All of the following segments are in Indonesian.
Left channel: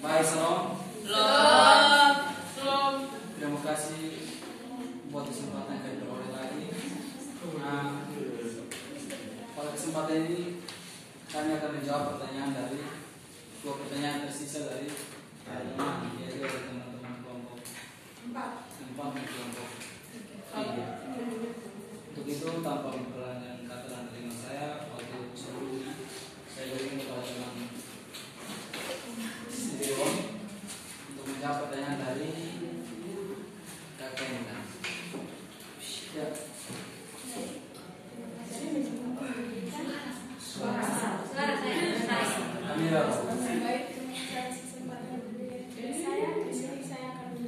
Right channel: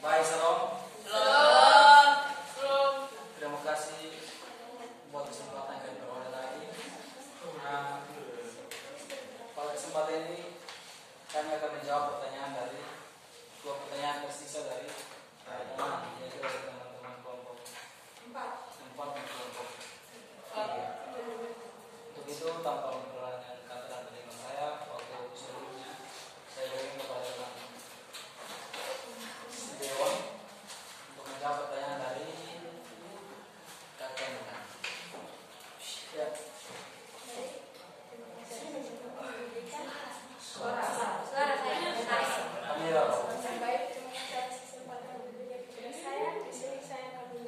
Baik, salam. Salam. Terima kasih buat kesempatan yang diperoleh lagi. Nah, pada kesempatan ini kami akan menjawab pertanyaan dari dua pertanyaan tersisa dari yaitu dari teman-teman kelompok 4 dan kelompok 3. Untuk itu tanpa memperpanjang kata dan kalimat saya, waktu sebelumnya saya berikan kepada teman Dewan untuk menjawab pertanyaan dari kakek. Ya. Amira. Baik, terima kasih atas kesempatan dari saya. Di sini saya akan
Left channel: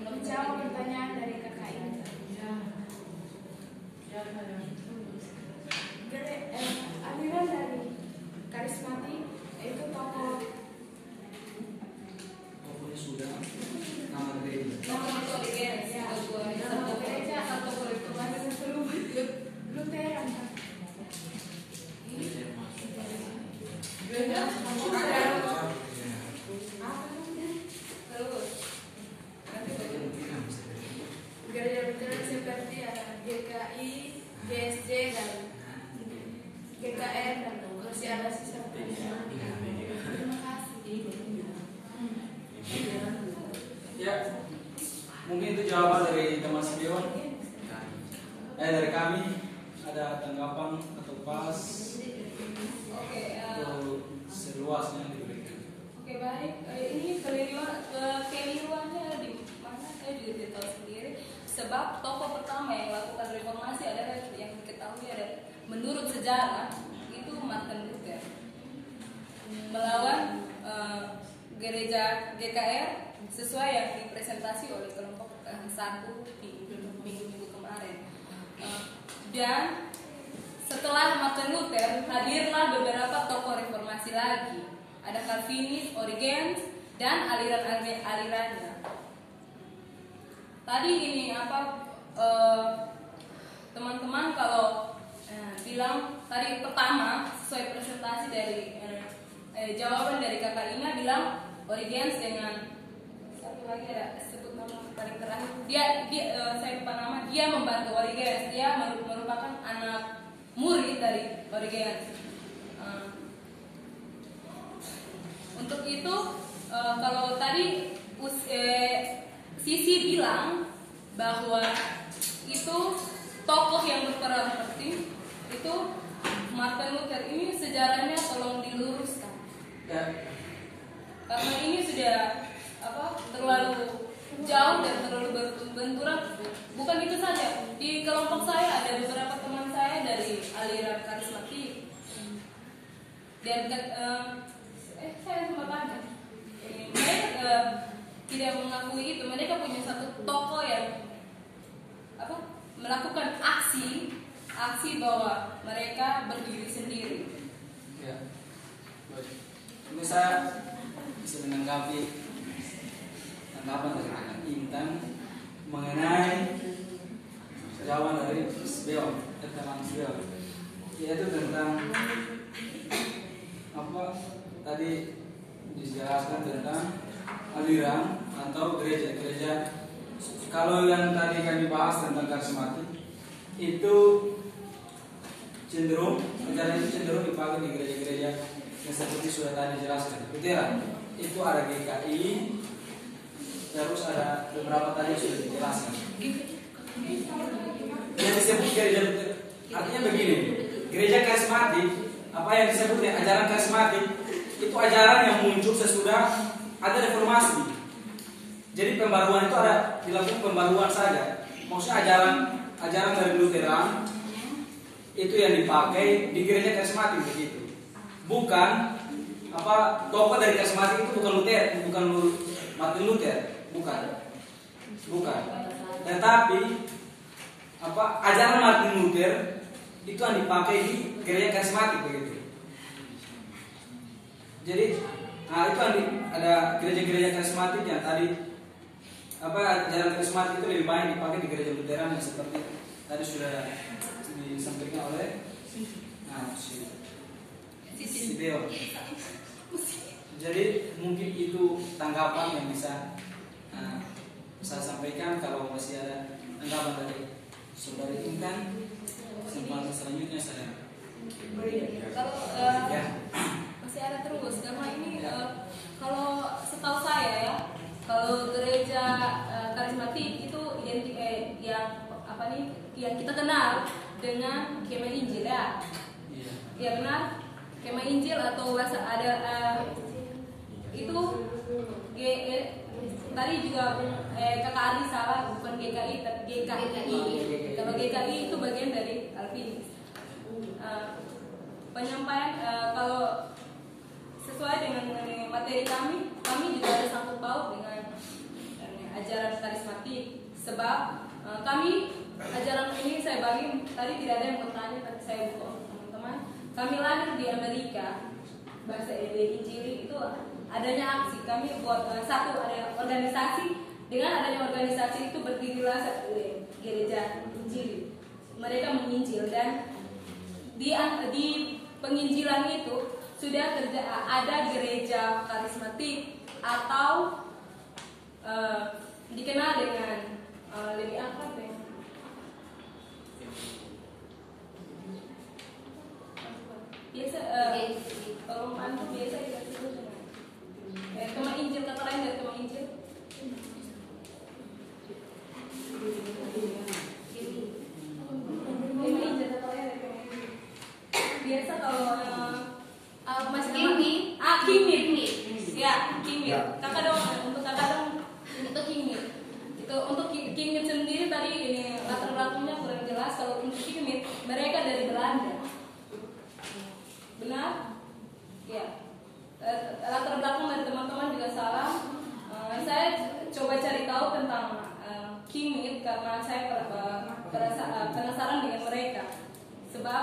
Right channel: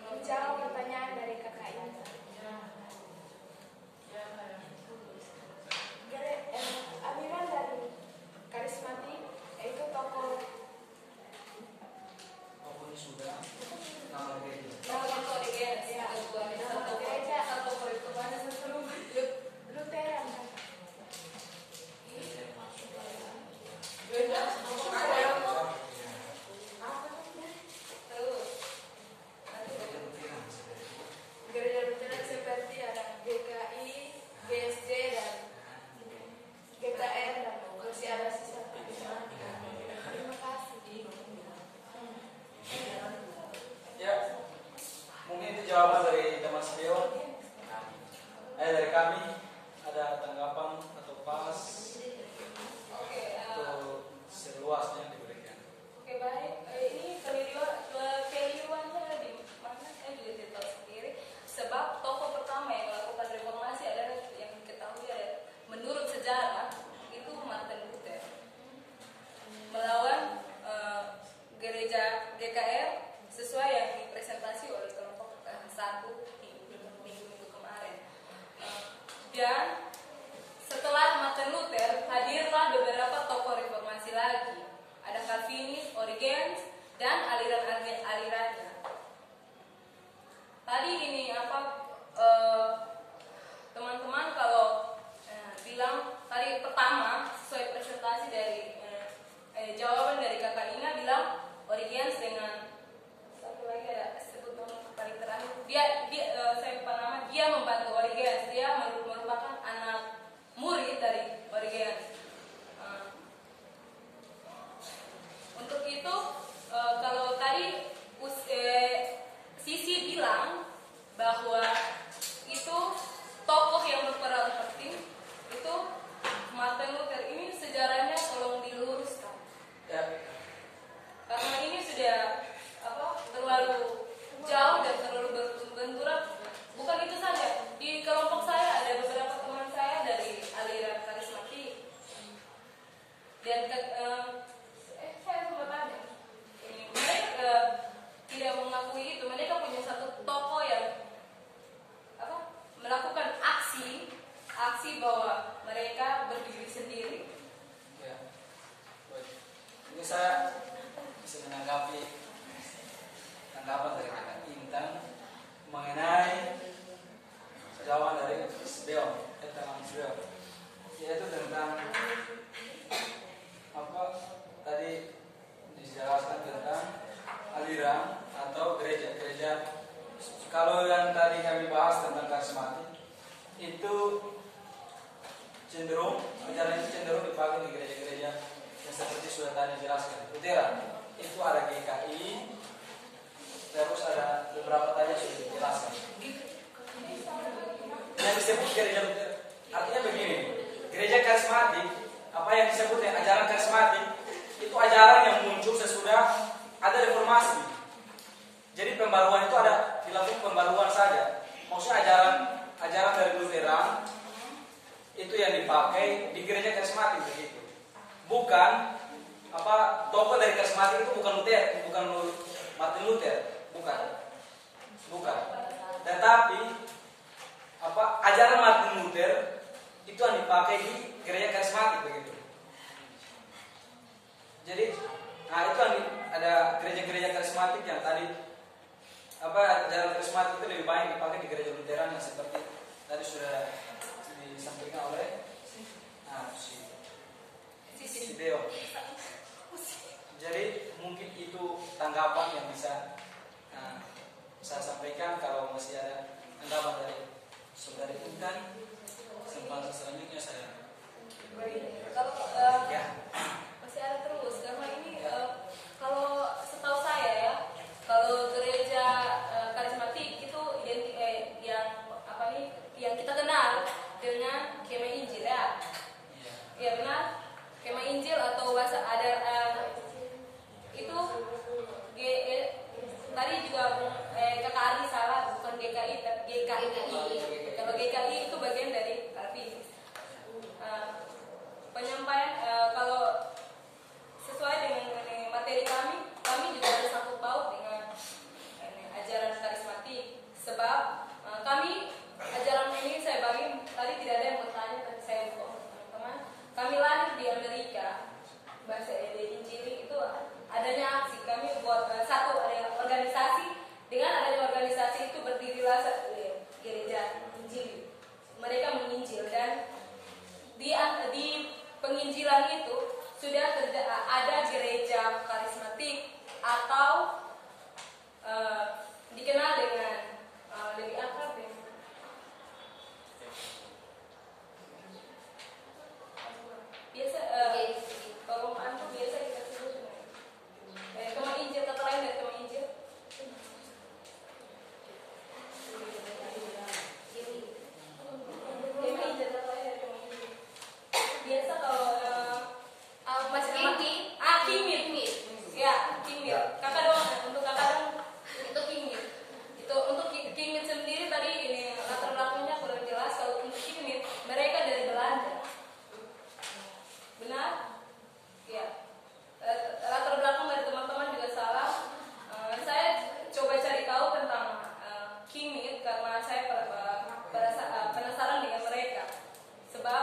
menjawab pertanyaan dari kakak ini. Aliran dari karismatik itu tokoh Sudah nama gereja. nama gereja atau Lutheran. Gereja Lutheran seperti ada GKI, GSJ dan GKR dan masih ada sisa. Terima kasih. Ya, mungkin itu jawaban dari teman Dewan. Dari kami ada tanggapan atau pas untuk seluasnya yang diberikan. Oke, baik. Ini keliruannya di mana saya juga tidak tahu sendiri. Sebab tokoh pertama yang melakukan reformasi adalah yang diketahui ada menurut sejarah itu Martin Luther melawan gereja GKR sesuai yang dipresentasi oleh kelompok 1 di minggu-minggu kemarin. Dan setelah Martin Luther hadirlah beberapa tokoh reformasi lagi. Ada Calvinis, Origenes, dan aliran-alirannya. Tadi ini teman-teman kalau bilang tadi pertama sesuai presentasi dari jawaban dari kakak Ina bilang Origenes dengan satu lagi ada sebut nama paling terakhir saya lupa nama, dia membantu Origenes, dia merupakan anak murid dari Origenes. Untuk itu kalau tadi Sisi bilang bahwa itu tokoh yang berperan penting itu Martin Luther ini sejarahnya tolong diluruskan. Ya. Karena ini sudah terlalu jauh dan terlalu berbenturan. Bukan itu saja, di kelompok saya ada beberapa teman saya dari aliran karismatik. Dan saya sempat tanya, mereka tidak mengakui itu. Mereka punya satu tokoh yang melakukan aksi bahwa mereka berdiri sendiri. Ya. Ini saya bisa menanggapi tanggapan dari kakak Intan mengenai jawaban dari Sbeo, teman Sbeo, yaitu tentang tadi dijelaskan tentang aliran atau gereja. Kalau yang tadi kami bahas tentang karismatik itu ajaran itu cenderung dipakai di gereja-gereja yang seperti sudah tadi jelaskan. Lutheran itu ada GKI, terus ada beberapa tadi sudah dijelaskan. Yang disebut gereja Lutheran artinya begini, gereja karismatik, apa yang disebut dengan ajaran karismatik itu ajaran yang muncul sesudah ada reformasi. Jadi pembaruan itu ada dilakukan pembaruan saja. Maksudnya ajaran dari Lutheran itu yang dipakai di gereja karismatik begitu. Bukan tokoh dari karismatik itu bukan Luther, bukan Martin Luther, bukan. Tetapi ajaran Martin Luther itu yang dipakai di gereja karismatik begitu. Jadi itu ada gereja-gereja karismatik yang tadi ajaran karismatik itu lebih banyak dipakai di gereja Lutheran yang seperti tadi sudah disampaikan oleh si Deo. Jadi mungkin itu tanggapan yang bisa saya sampaikan. Kalau masih ada tanggapan dari saudara Intan, kesempatan selanjutnya saya. Kalau masih ada terus karena ini kalau setahu saya ya, kalau gereja karismatik itu yang apa nih yang kita kenal dengan kemah Injil ya. Iya benar. Kemah Injil atau bahasa ada itu tadi juga Kakak Ari salah, bukan GKI tapi GKI. Kalau GKI itu bagian dari Calvinis. Penyampaian kalau sesuai dengan materi kami juga ada sangkut paut dengan ajaran karismatik. Sebab kami ajaran ini saya bagi tadi tidak ada yang bertanya, tapi saya buka untuk teman-teman. Kami lahir di Amerika, bahasa Injili itu adanya aksi. Kami buat satu ada organisasi. Dengan adanya organisasi itu berdirilah gereja Injili. Mereka menginjil dan di penginjilan itu sudah ada gereja karismatik atau dikenal dengan lebih akrab ya. Biasa kalau antum biasa dikasih dengan kemah Injil, kata lain dari kemah Injil. Biasa kalau masih kimit. Ya, kimit. Kakak dong, untuk kakak dong itu kimit. Itu untuk kimit sendiri tadi ini latar belakangnya kurang jelas. Kalau untuk kimit mereka dari Belanda. Benar? Ya. Latar belakang dari teman-teman juga salah. Saya coba cari tahu tentang kimit karena saya penasaran dengan mereka. Sebab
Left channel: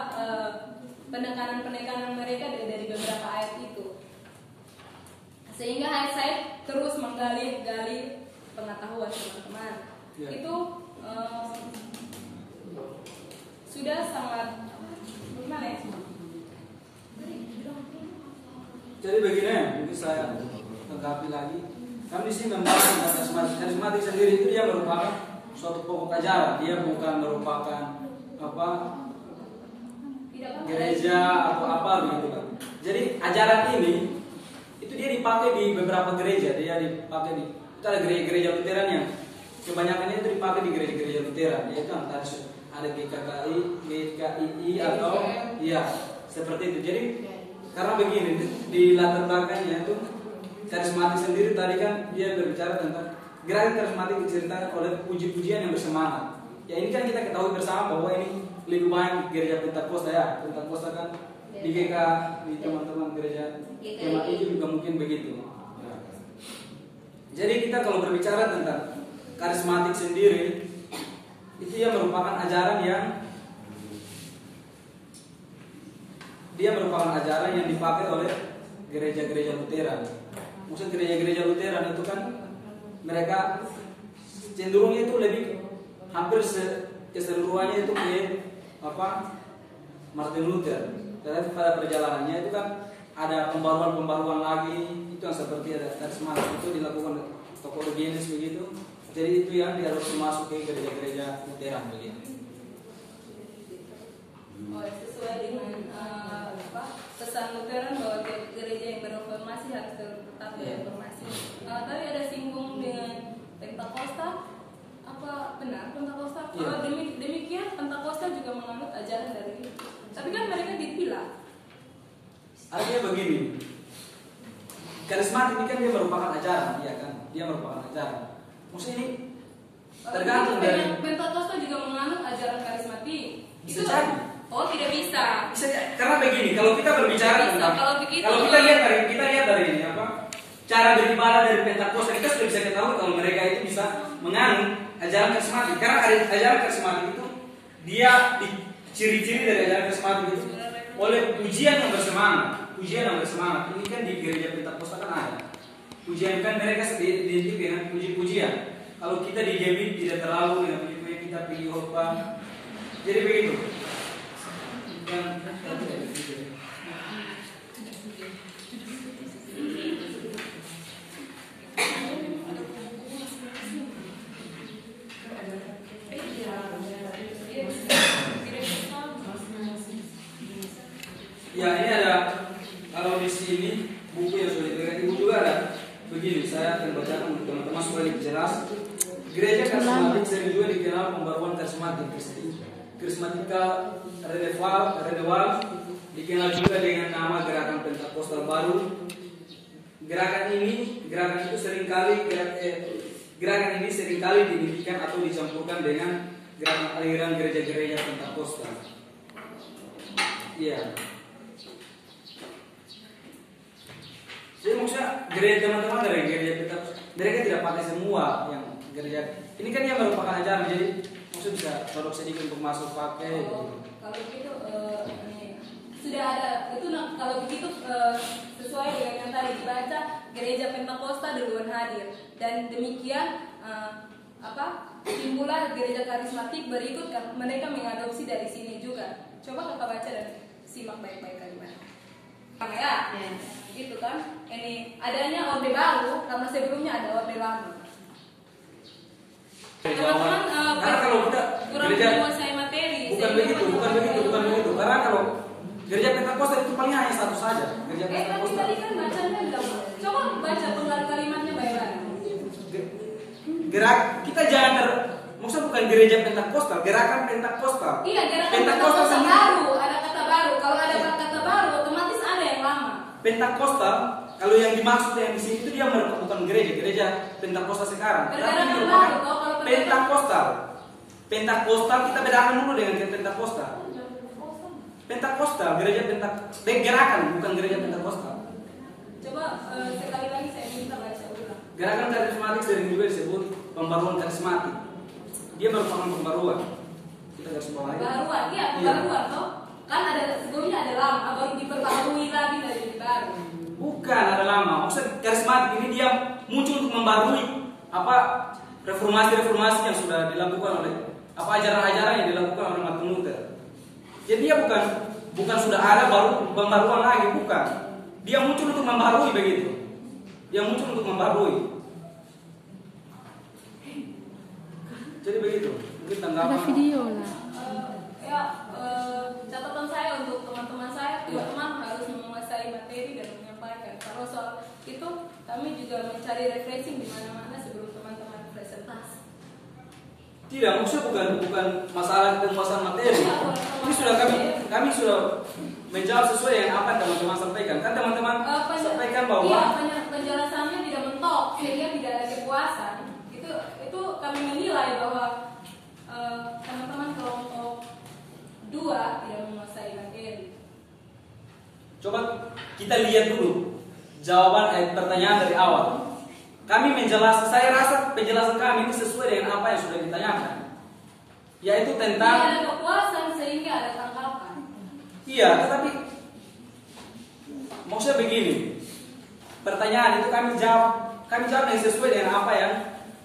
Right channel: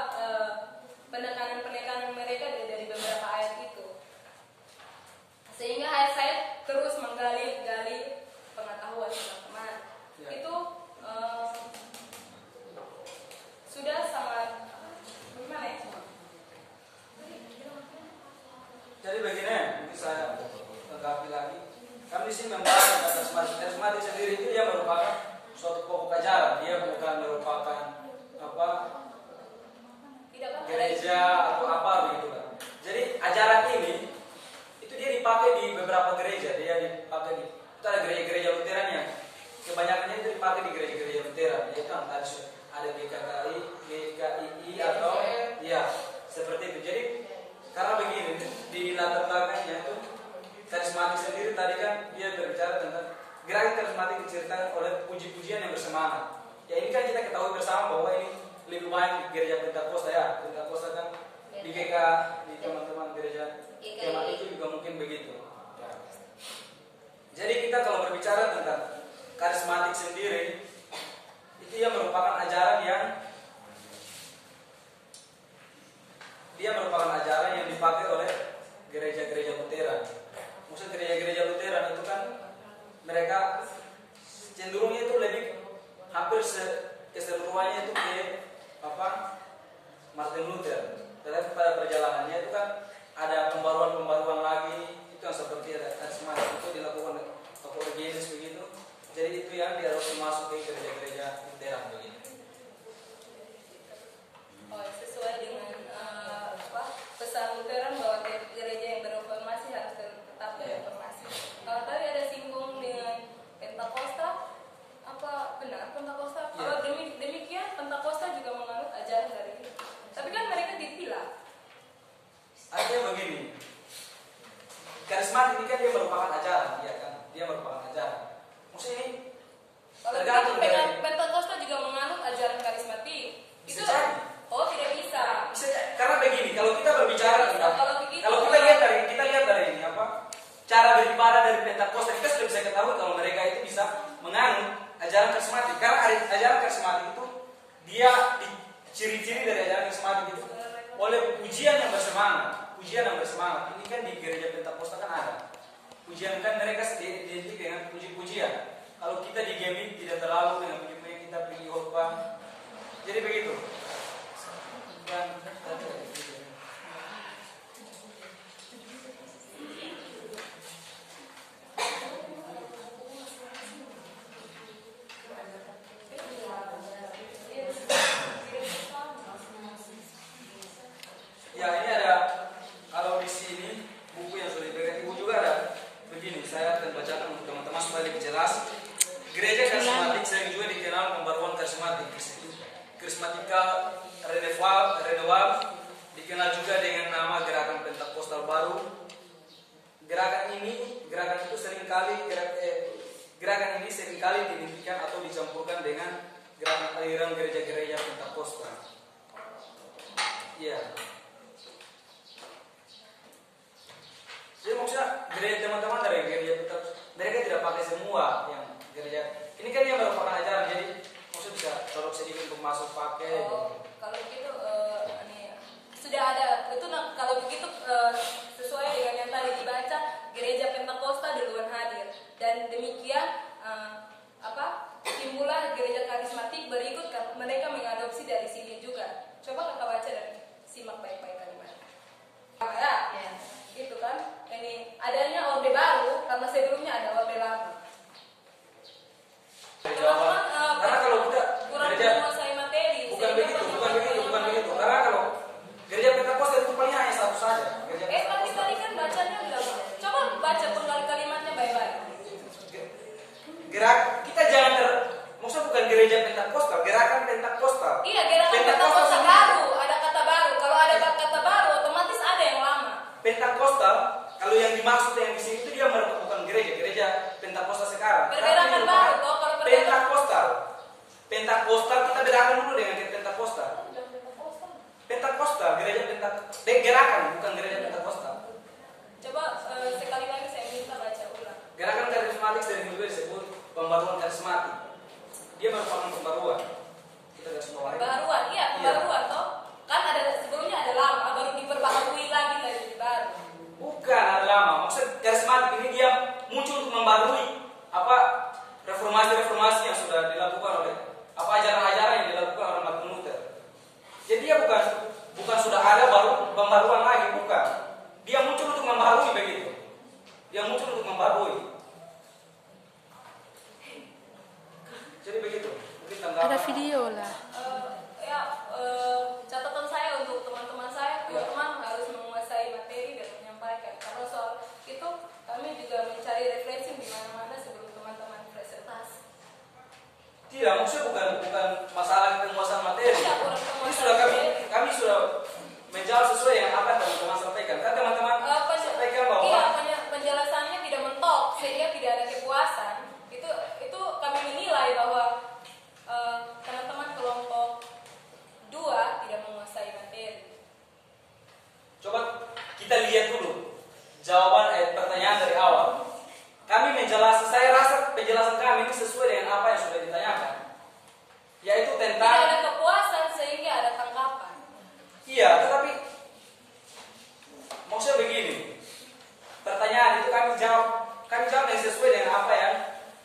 penekanan mereka dari beberapa ayat itu, sehingga saya terus menggali pengetahuan teman-teman. Itu sudah sangat bagaimana ya? Jadi begini, mungkin saya lengkapi lagi. Kami di sini membahas tentang karismatik sendiri itu yang merupakan suatu pokok ajaran. Dia bukan merupakan gereja atau apa begitu kan. Jadi ajaran ini itu dia dipakai di beberapa gereja. Dia dipakai di kita ada gereja Lutheran yang kebanyakannya itu dipakai di gereja Lutheran. Dia kan tadi ada GKI atau ya seperti itu. Jadi karena begini di latar belakangnya itu karismatik sendiri tadi kan dia berbicara tentang gerakan karismatik diceritakan oleh puji-pujian yang bersemangat. Ya ini kan kita ketahui bersama bahwa ini lebih banyak gereja Pentakosta ya. Pentakosta kan di GK di teman-teman gereja Kemah itu juga mungkin begitu. Ya. Jadi kita kalau berbicara tentang karismatik sendiri itu yang merupakan ajaran yang dipakai oleh gereja-gereja Lutheran. Maksud gereja-gereja Lutheran itu kan mereka cenderungnya itu lebih hampir keseluruhannya itu ke Martin Luther. Tetapi pada perjalanannya itu kan ada pembaruan lagi, itu yang seperti ada karismatik itu dilakukan tokoh Genesis begitu. Jadi itu yang diharus masuk ke gereja-gereja Lutheran begitu. Sesuai dengan pesan Lutheran bahwa gereja yang bereformasi harus tetap bereformasi. Kalau tadi ada singgung dengan Pentakosta, apa benar Pentakosta? Ya. Kalau demikian Pentakosta juga menganut ajaran dari itu. Tapi kan mereka dipilah. Akhirnya begini, karismatik ini kan dia merupakan ajaran, ya kan? Dia merupakan ajaran. Maksudnya ini tergantung dari Pentakosta juga menganut ajaran karismatik. Bisa Itu jadi. Oh tidak bisa. Karena begini, kalau kita berbicara tentang Kalau kita lihat dari ini cara beribadah dari Pentakosta, kita sudah bisa ketahui kalau mereka itu bisa menganut ajaran karismatik. Karena ajaran karismatik itu dia ciri-ciri dari ajaran karismatik itu oleh pujian yang bersemangat. Ini kan di gereja Pentakosta kan ada pujian, kan mereka identik dengan puji-pujian. Kalau kita di GMI tidak terlalu dengan puji-pujian, kita pergi khotbah. Jadi begitu. Dan begini, saya akan bacakan untuk teman-teman supaya lebih jelas. Gereja karismatik sering juga dikenal pembaruan karismatik, karismatikal renewal, dikenal juga dengan nama gerakan Pentakosta baru. Gerakan itu gerakan ini seringkali didirikan atau dicampurkan dengan gerakan aliran gereja-gereja Pentakosta. Iya. Jadi maksudnya gereja teman-teman dari gereja Pentakosta, mereka tidak pakai semua yang gereja. Ini kan yang merupakan ajaran, jadi maksudnya bisa produk sedikit untuk masuk pakai. Kalau gitu ini sudah ada itu kalau begitu sesuai dengan yang tadi dibaca, gereja Pentakosta duluan hadir dan demikian timbulah gereja karismatik berikut mereka mengadopsi dari sini juga. Coba kakak baca dan simak baik-baik kalimatnya. Ya, gitu kan. Ini adanya orde baru karena sebelumnya ada orde lama. Karena kalau kita gereja menguasai materi. bukan begitu. Karena kalau gereja Pentakosta itu paling hanya satu saja. Gereja tapi Pentakosta. tadi kan bacanya belum. Coba baca penggal kalimatnya baik-baik. Kita jangan maksudnya bukan gereja Pentakosta, gerakan Pentakosta. Iya, gerakan Pentakosta baru, ada kata baru. Kalau ada kata baru, otomatis ada yang lama. Pentakosta, kalau yang dimaksud yang di sini itu dia merupakan gereja Pentakosta sekarang. Pergerakan Tapi baru, kalau Pentakostal kita bedakan dulu dengan Pentakosta. Pentakosta, gerakan bukan gereja Pentakosta. Coba sekali lagi saya minta baca ulang. Gerakan karismatik sering juga disebut pembaruan karismatik. Dia merupakan pembaruan. Kita garis bawahi. Pembaruan, iya pembaruan toh. Kan ada sebelumnya ada lama, baru diperbarui lagi dari baru. Bukan ada lama. Maksud karismatik ini dia muncul untuk membarui reformasi yang sudah dilakukan oleh ajaran-ajaran yang dilakukan oleh Martin Luther. Jadi dia bukan sudah ada baru pembaruan lagi, bukan. Dia muncul untuk membarui begitu. Dia muncul untuk membarui. Jadi begitu. Mungkin tanggapan. Ada video lah. Catatan saya untuk teman-teman saya, teman-teman harus menguasai materi dan menyampaikan. Kalau soal itu kami juga mencari referensi di mana-mana sebelum teman-teman presentasi. Tidak, maksudnya bukan masalah penguasaan materi. Ini sudah kami sudah menjawab sesuai yang apa yang teman-teman sampaikan. Kan teman-teman sampaikan bahwa penjelasannya tidak mentok sehingga tidak ada kepuasan. Itu kami menilai bahwa teman-teman kelompok 2 tidak menguasai materi. coba kita lihat dulu jawaban pertanyaan dari awal. Kami menjelaskan, saya rasa penjelasan kami ini sesuai dengan apa yang sudah ditanyakan, yaitu tentang tidak ada kepuasan sehingga ada tanggapan. Iya, tetapi maksudnya begini, pertanyaan itu kami jawab yang sesuai dengan apa yang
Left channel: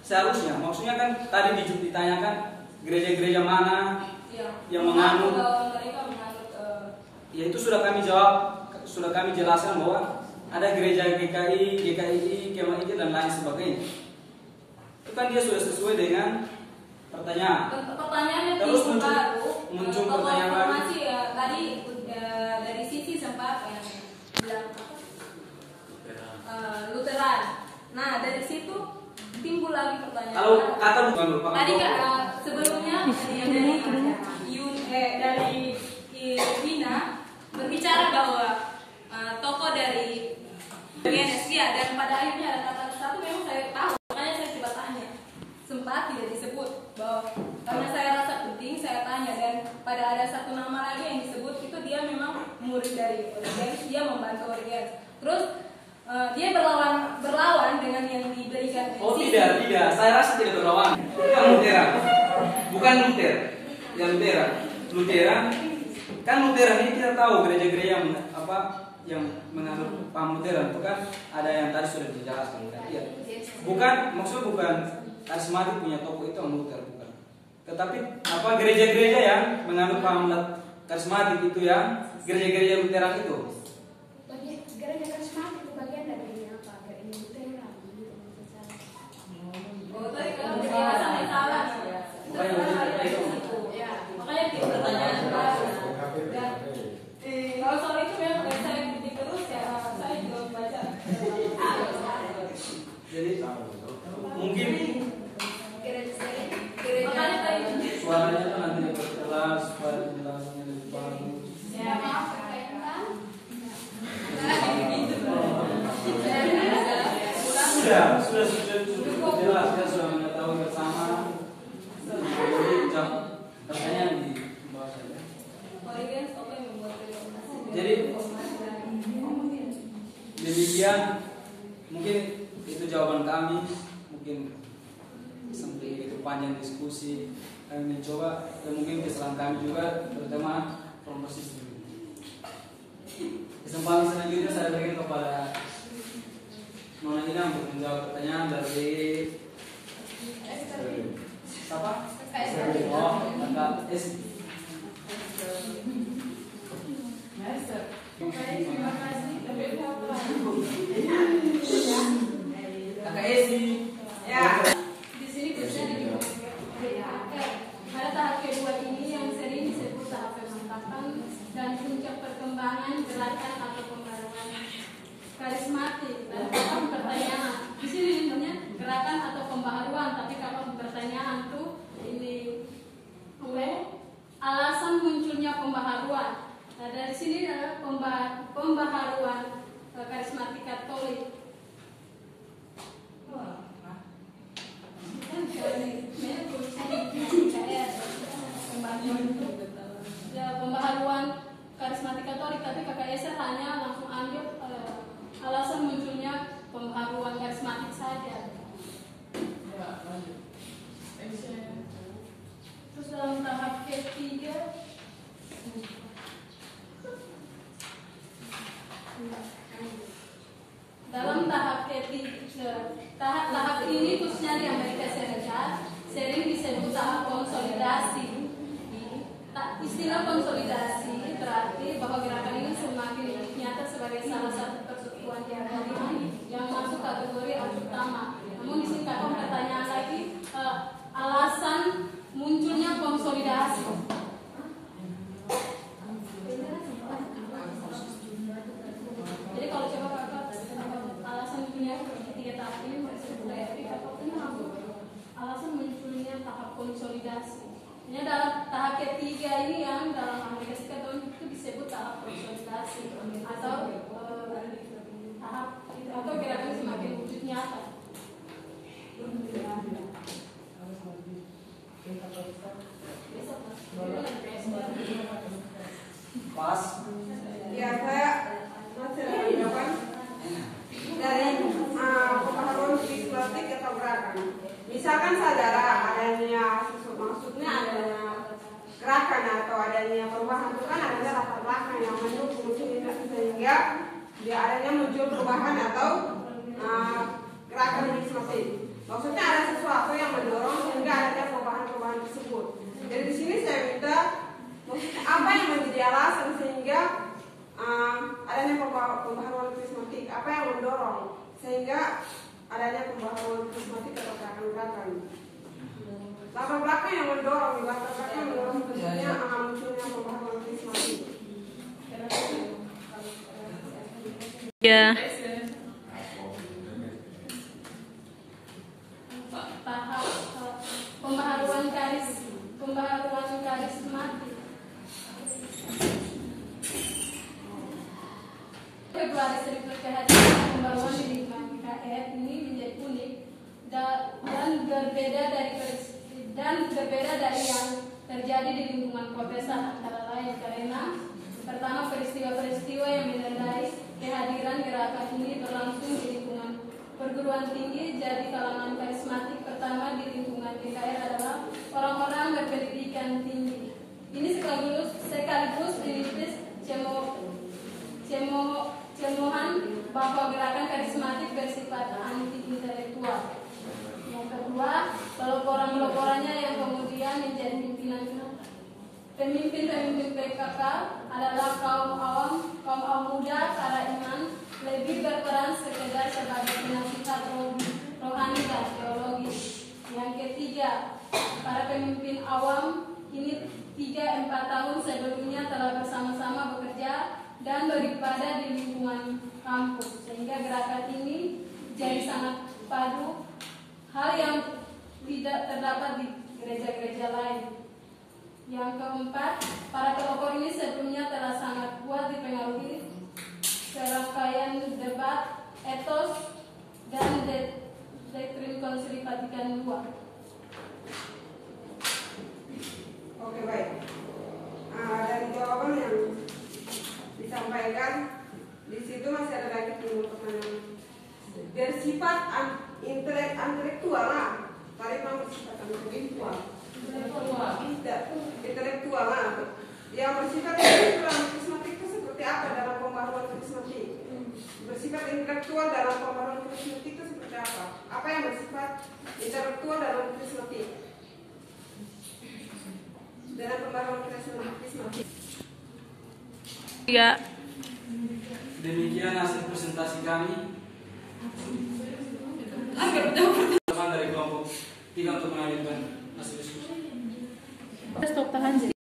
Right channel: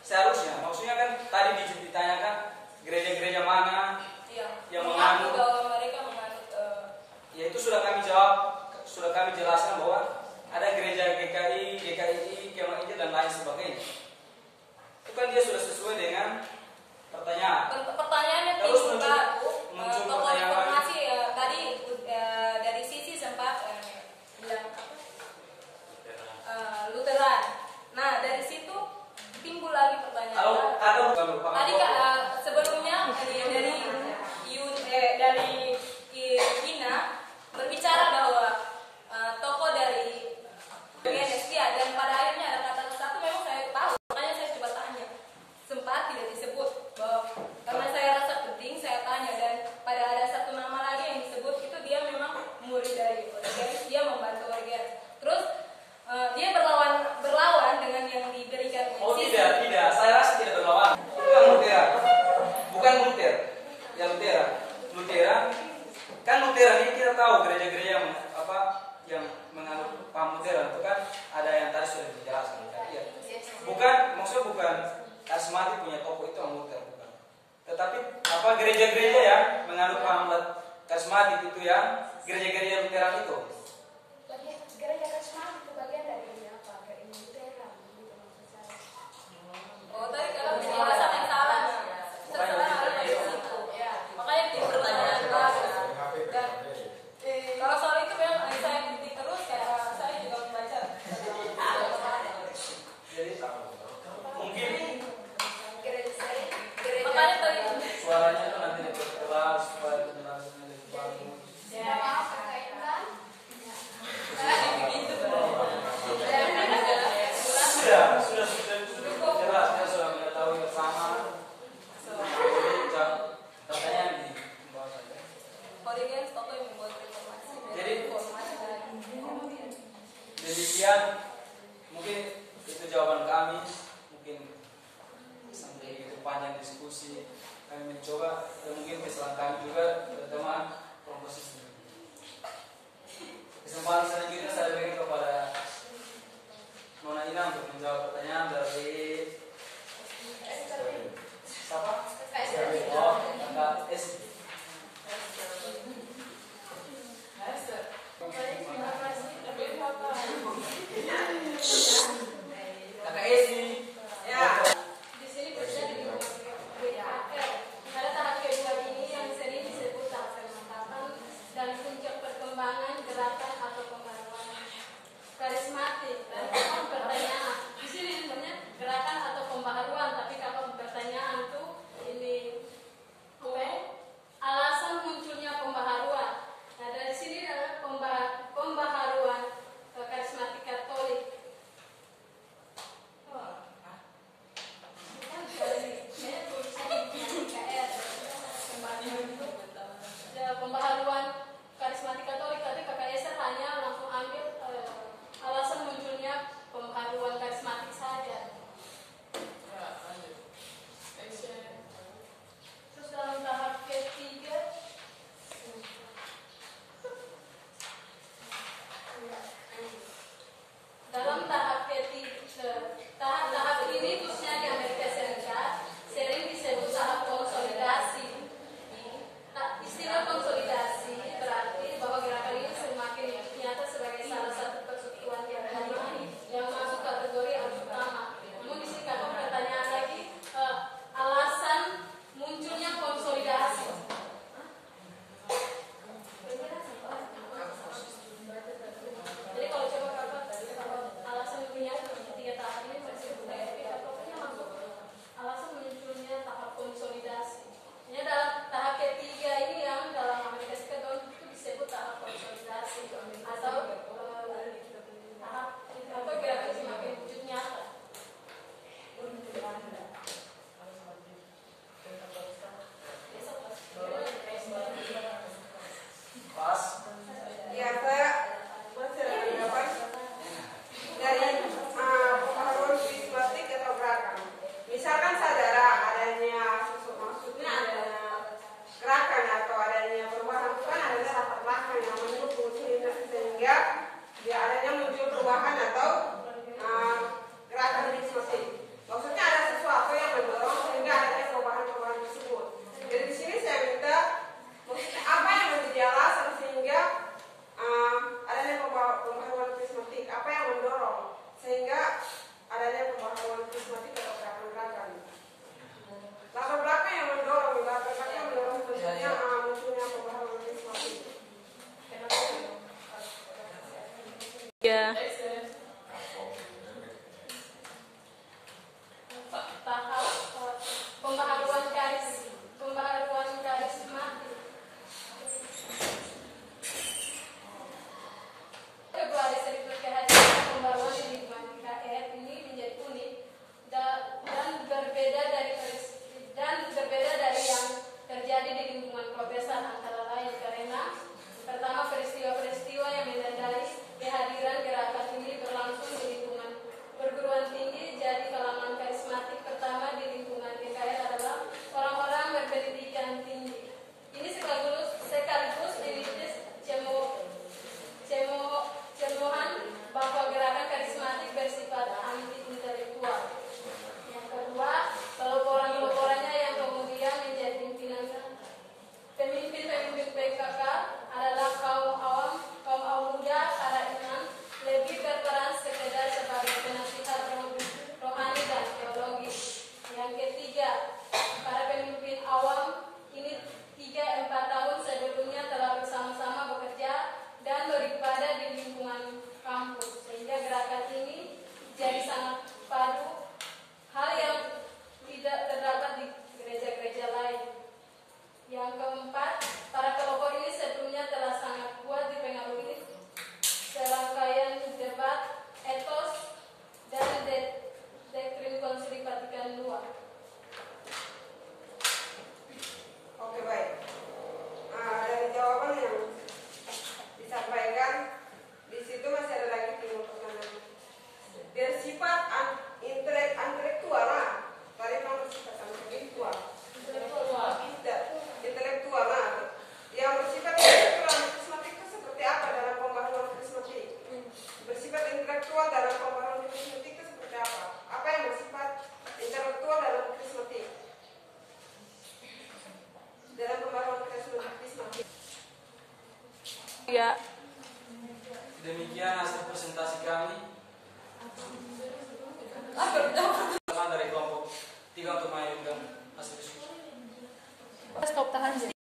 seharusnya. Maksudnya kan tadi ditanyakan gereja-gereja mana yang menganut, mereka menganut. Ya itu sudah kami jawab, sudah kami jelaskan bahwa ada gereja GKI, GKI, KMI dan lain sebagainya. Itu kan dia sudah sesuai dengan pertanyaan. Pertanyaannya terus muncul pertanyaan lagi. Informasi tadi dari sisi sempat bilang apa? Lutheran. Nah dari situ timbul lagi pertanyaan. Kalau kata bukan merupakan tadi sebelumnya dari Ina berbicara bahwa tokoh dari GNS dan pada akhirnya ada kata satu memang saya tahu, makanya saya coba tanya. Sempat tidak disebut bahwa karena saya rasa penting saya tanya, dan pada ada satu nama lagi yang disebut itu dia memang murid dari Origenes, dia membantu Origenes. Terus dia berlawan dengan yang diberikan. Oh tidak, saya rasa tidak berlawan. Itu yang Lutheran, bukan Luther. Yang Lutheran kan Lutheran ini kita tahu gereja-gereja yang menganut paham Lutheran itu kan ada yang tadi sudah dijelaskan. Iya. Maksudnya bukan karismatik punya tokoh itu yang Luther, bukan. Tetapi gereja-gereja yang menganut paham karismatik itu yang gereja-gereja Lutheran itu. Gereja karismatik itu bagian dari ini apa? Gereja Lutheran gitu maksud saya. Oh tadi kalau penjelasan yang salah. Makanya itu pertanyaan baru. Dan kalau soal itu memang saya ikuti terus ya, saya juga membaca. sudah jelas ya, sudah mengetahui bersama. Jadi pertanyaan di bawah saja. Audiens apa yang membuat informasi? Jadi demikian mungkin itu jawaban kami. Mungkin sampai itu panjang diskusi kami mencoba, dan mungkin kesalahan kami juga terutama promosi sendiri. Kesempatan selanjutnya saya berikan kepada Nona Ina untuk menjawab pertanyaan dari siapa? Oh, Kakak Esi. Baik, terima kasih. Kakak Esi. Ya. Di sini bisa DHK. Pada tahap kedua ini yang sering disebut tahap pemantapan dan puncak perkembangan gerakan atau pembaruan karismatik. Dan kalau pertanyaan di sini sebenarnya gerakan atau pembaharuan, tapi kalau pertanyaan tuh ini alasan munculnya pembaharuan. Nah, dari sini adalah pembaharuan karismatik Katolik. Pembaharuan karismatik Katolik, tapi Kakak Esther hanya langsung ambil alasan munculnya pembaharuan karismatik saja. Terus dalam tahap ketiga, tahap ini khususnya di Amerika Serikat sering disebut tahap konsolidasi. Istilah konsolidasi berarti bahwa gerakan ini semakin nyata sebagai salah satu persekutuan yang masuk kategori utama. Namun di sini kakak pertanyaan lagi, alasan munculnya konsolidasi. Jadi kalau coba kakak alasan munculnya tiga tahap ini masih berarti kakak punya langsung alasan munculnya tahap konsolidasi. Ini dalam tahap ketiga ini yang dalam Amerika Serikat itu disebut tahap konsolidasi atau tahap atau gerakan semakin wujud nyata. Pas. Ya, saya masih ada jawaban dari pembaharuan karismatik atau gerakan. Misalkan saudara adanya maksudnya adanya gerakan atau adanya perubahan, bukan adanya latar belakang yang mendukung sehingga dia adanya muncul perubahan atau gerakan karismatik. Maksudnya ada sesuatu yang mendorong sehingga adanya perubahan-perubahan tersebut. Jadi di sini saya minta maksudnya apa yang menjadi alasan sehingga adanya pembaharuan karismatik, apa yang mendorong sehingga adanya pembaharuan karismatik atau gerakan-gerakan. Latar belakang yang mendorong, tentunya munculnya pembaharuan karismatik. Ya. Tahap pembaharuan karismatik. Februari 1000 kehadiran pembaruan di lingkungan KKR ini menjadi unik dan berbeda dari yang terjadi di lingkungan Protestan, antara lain karena pertama peristiwa-peristiwa yang menandai kehadiran gerakan ini berlangsung di lingkungan perguruan tinggi. Jadi kalangan karismatik pertama di lingkungan KKR adalah orang-orang berpendidikan tinggi. Ini sekaligus menitis cemohan bahwa gerakan karismatik bersifat anti-intelektual. Yang kedua, peloporan-peloporannya yang kemudian menjadi pemimpin PKK adalah kaum muda, para imam, lebih berperan sekedar sebagai penasihat rohani dan teologis. Yang ketiga, para pemimpin awam ini 3-4 tahun sebelumnya telah bersama-sama bekerja dan beribadah di lingkungan kampus, sehingga gerakan ini jadi sangat padu, hal yang tidak terdapat di gereja-gereja lain. Yang keempat, para pelopor ini sebelumnya telah sangat kuat dipengaruhi serangkaian debat, etos, dan doktrin Konsili Vatikan II. Oke, baik. Dari jawaban yang disampaikan di situ masih ada lagi 5 pertanyaan. Bersifat intelektual lah. Tadi memang bersifat intelektual. Intelektual lah. Yang bersifat intelektual karismatik itu seperti apa dalam pembaharuan karismatik? Bersifat intelektual dalam pembaharuan karismatik itu seperti apa? Apa yang bersifat intelektual dalam karismatik? Dalam pembaharuan karismatik. Ya. Demikian hasil presentasi kami. Teman dari kelompok 3 untuk melanjutkan hasil diskusi.